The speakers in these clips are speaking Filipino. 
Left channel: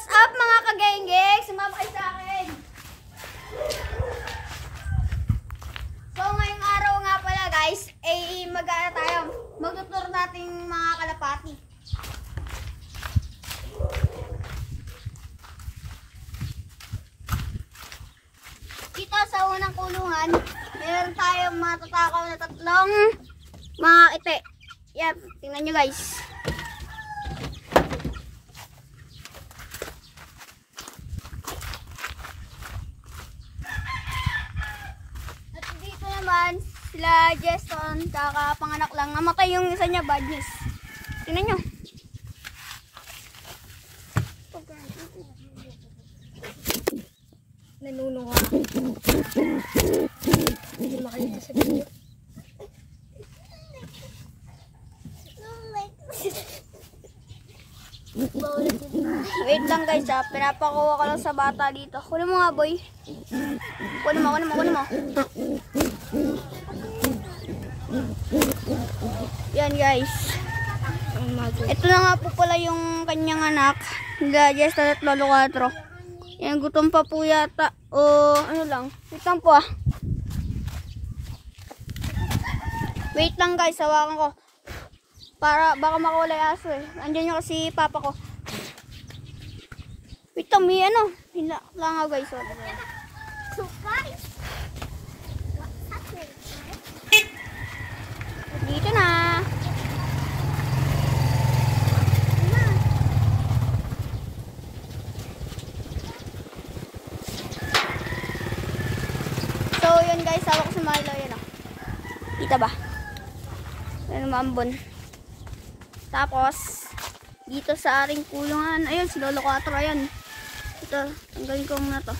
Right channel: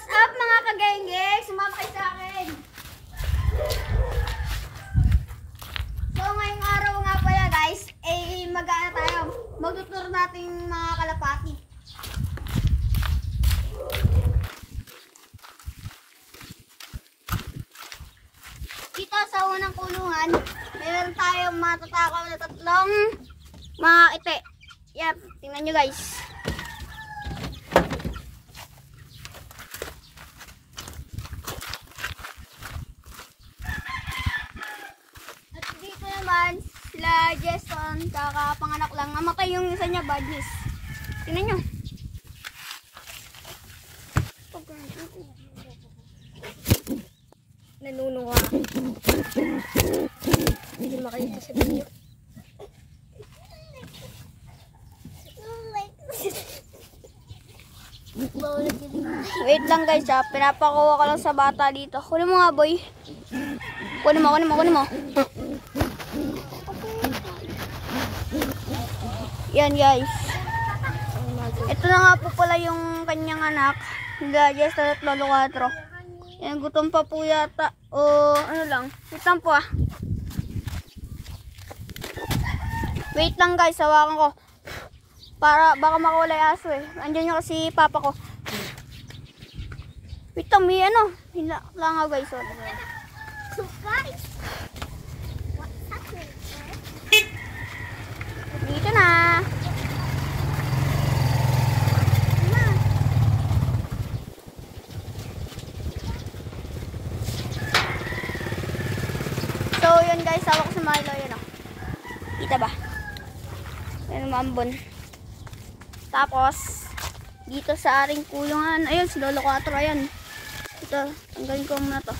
What's up mga kageng-geng? Sumama kayo sa akin. So ngayong araw nga pala guys, mag-aara tayo. Magtutur natin mga kalapati. Dito sa unang kulungan, meron tayong matatakaw na tatlong mga ite. Yan, tingnan nyo guys. Sila Jason, kakapanganak lang. Namatay yung isa niya, Badges. Tingnan nyo. Nanununga. Hindi makita sa video. Wait lang guys ha. Pinapakuha ka lang sa bata dito. Kunin mo nga boy. Kunin mo. Yan guys. Ito na nga po pala yung kanyang anak. Gadgets at Lolo 4. Yan, gutom pa po yata. O ano lang. Wait lang po ah. Wait lang guys, hawakan ko. Para baka makawala yung aso eh. Andiyan yung kasi papa ko. Wait lang, may ano. Langaw guys. So guys. Dito na. So yun guys, hawak ko sa Milo yan oh. Kita ba? Yan mambon. Tapos dito sa aring kulungan, ayun si Lolo 4 ayan. Ito, tanggalin ko muna to.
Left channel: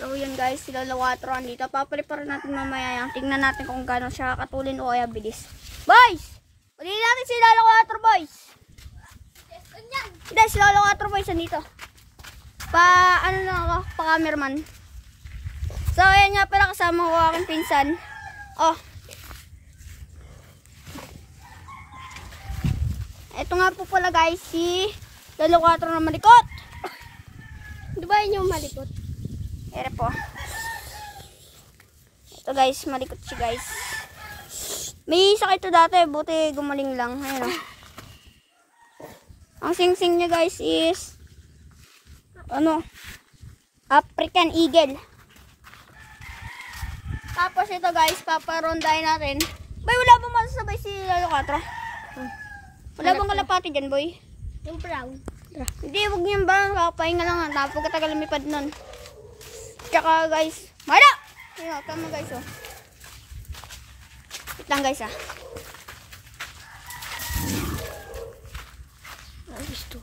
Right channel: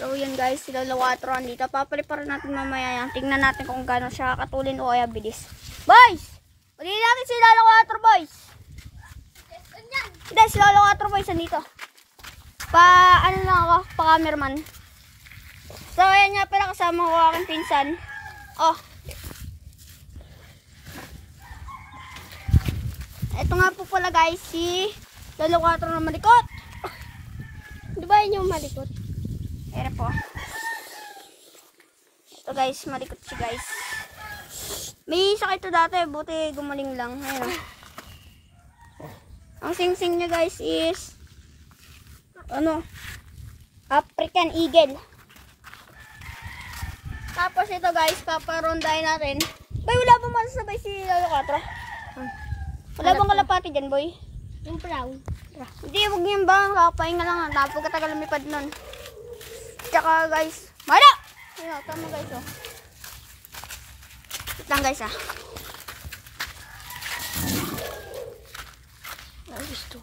So yan guys, si Lolo 4 andito. Papaliparan natin mamaya yan. Tingnan natin kung gano'n siya katulin o kaya bilis. Boys! Uli natin si Lolo 4 boys! Hindi, si Lolo 4 boys andito. Ano lang ako, pa-cameraman. So ayan nga pala kasama ko aking pinsan. Oh. Ito nga po pala guys, si Lolo 4 na malikot. Di ba yun yung malikot? Ere po. Ito guys, malikot siya guys. May sakit ito dati, buti gumaling lang. Ayun o. Ang sing-sing niya guys is ano? African Eagle. Tapos ito guys, paparondahin natin. Boy, wala bang masasabay si Lolo 4? Wala bang kalapati dyan boy? Yung brown. Hindi, huwag niyan ba? Kakapahinga lang. Tapos katagal lumipad nun. Tsaka guys, Mada! Ayun, tama guys oh. Wait lang guys ah. Ano gusto?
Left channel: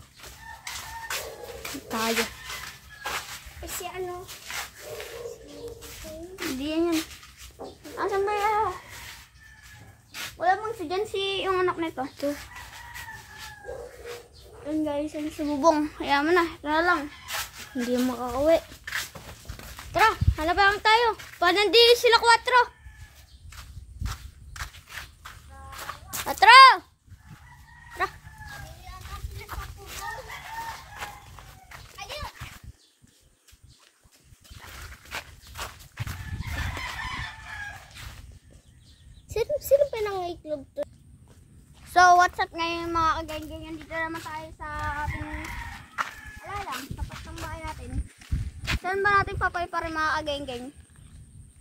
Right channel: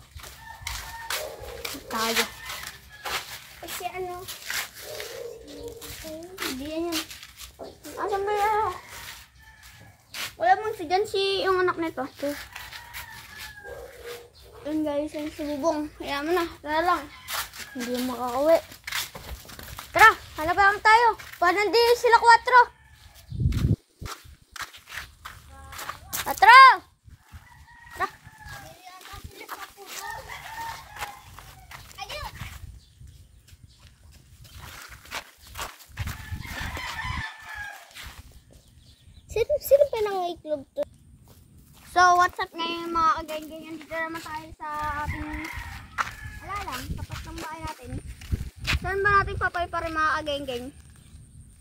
Tayo. Kasi ano? Hindi yan yan. Asan ba yan? Wala mong si dyan si yung anak nito. Ito. Yun guys, yung si Bubong. Kaya mo na, ito na lang. Hindi makakauwi. Tara, halabahan tayo. Paano hindi sila 4? 4! Tara! Sino pa nang itlog to? So, what's up ngayon mga kageng-geng? Dito naman tayo sa ating alalang, tapat ng bahay natin. Saan ba natin papay-pare mga kageng-geng?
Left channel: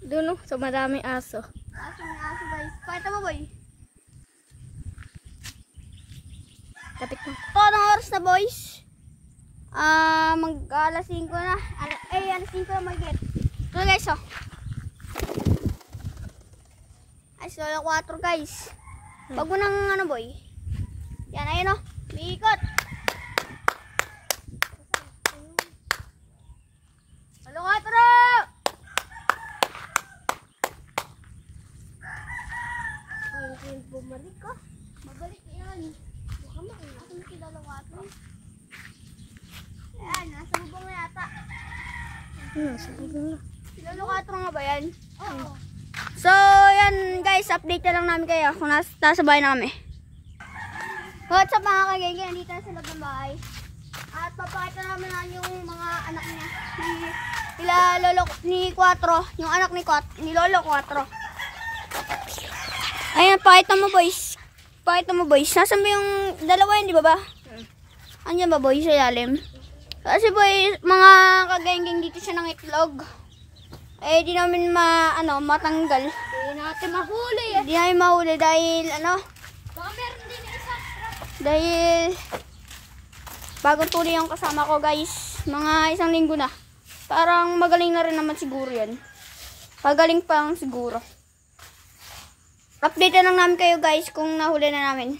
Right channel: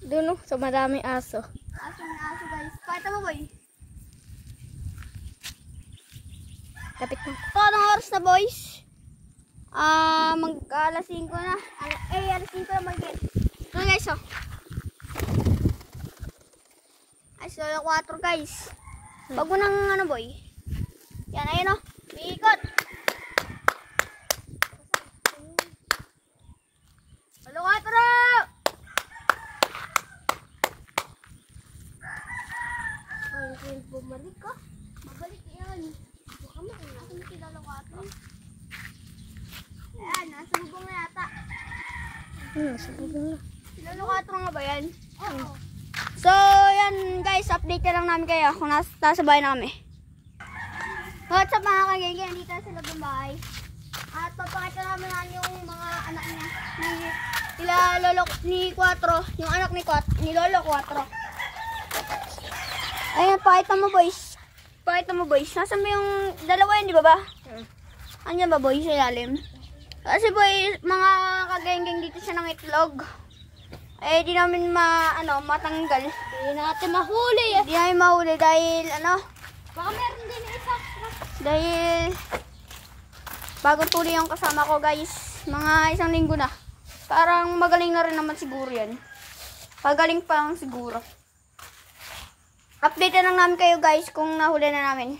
Doon oh, sa maraming aso. Aso ng aso guys. Pakita mo boy. Kapit mo. Ito, anong oras na boys? Mag-alas 5 na. Alas 5 na mag-get. Ito guys oh. Ay, Lolo 4 guys. Wag mo nang ano boy. Yan, ayun o. May ikot. Lolo 4! Ay, bumalik ka. Babalik yan. Baka makinasin si Lolo 4. Ayan, nasa bubong na yata. Nasa bubong na. Si Lolo 4 nga ba yan? Oo. So, yan guys, update na lang namin kayo kung nasa bahay na kami. What's up mga kagenggen, dito sa loob ng bahay. At ni Quatro, yung anak ni Lolo Quatro. Ayan, pakita mo boys. Nasaan ba yung dalawa yan, di ba ba? Andiyan ba boys sa ilalim? Kasi boys, mga kagengeng dito siya ng itlog. Eh, di namin matanggal. Hindi natin mahuli eh. Di namin mahuli dahil Baka meron din isa. dahil bagong tuloy yung kasama ko guys. Mga 1 linggo na. Parang magaling na rin naman siguro yan. Pagaling pa lang siguro. Update na lang namin kayo guys kung nahuli na namin.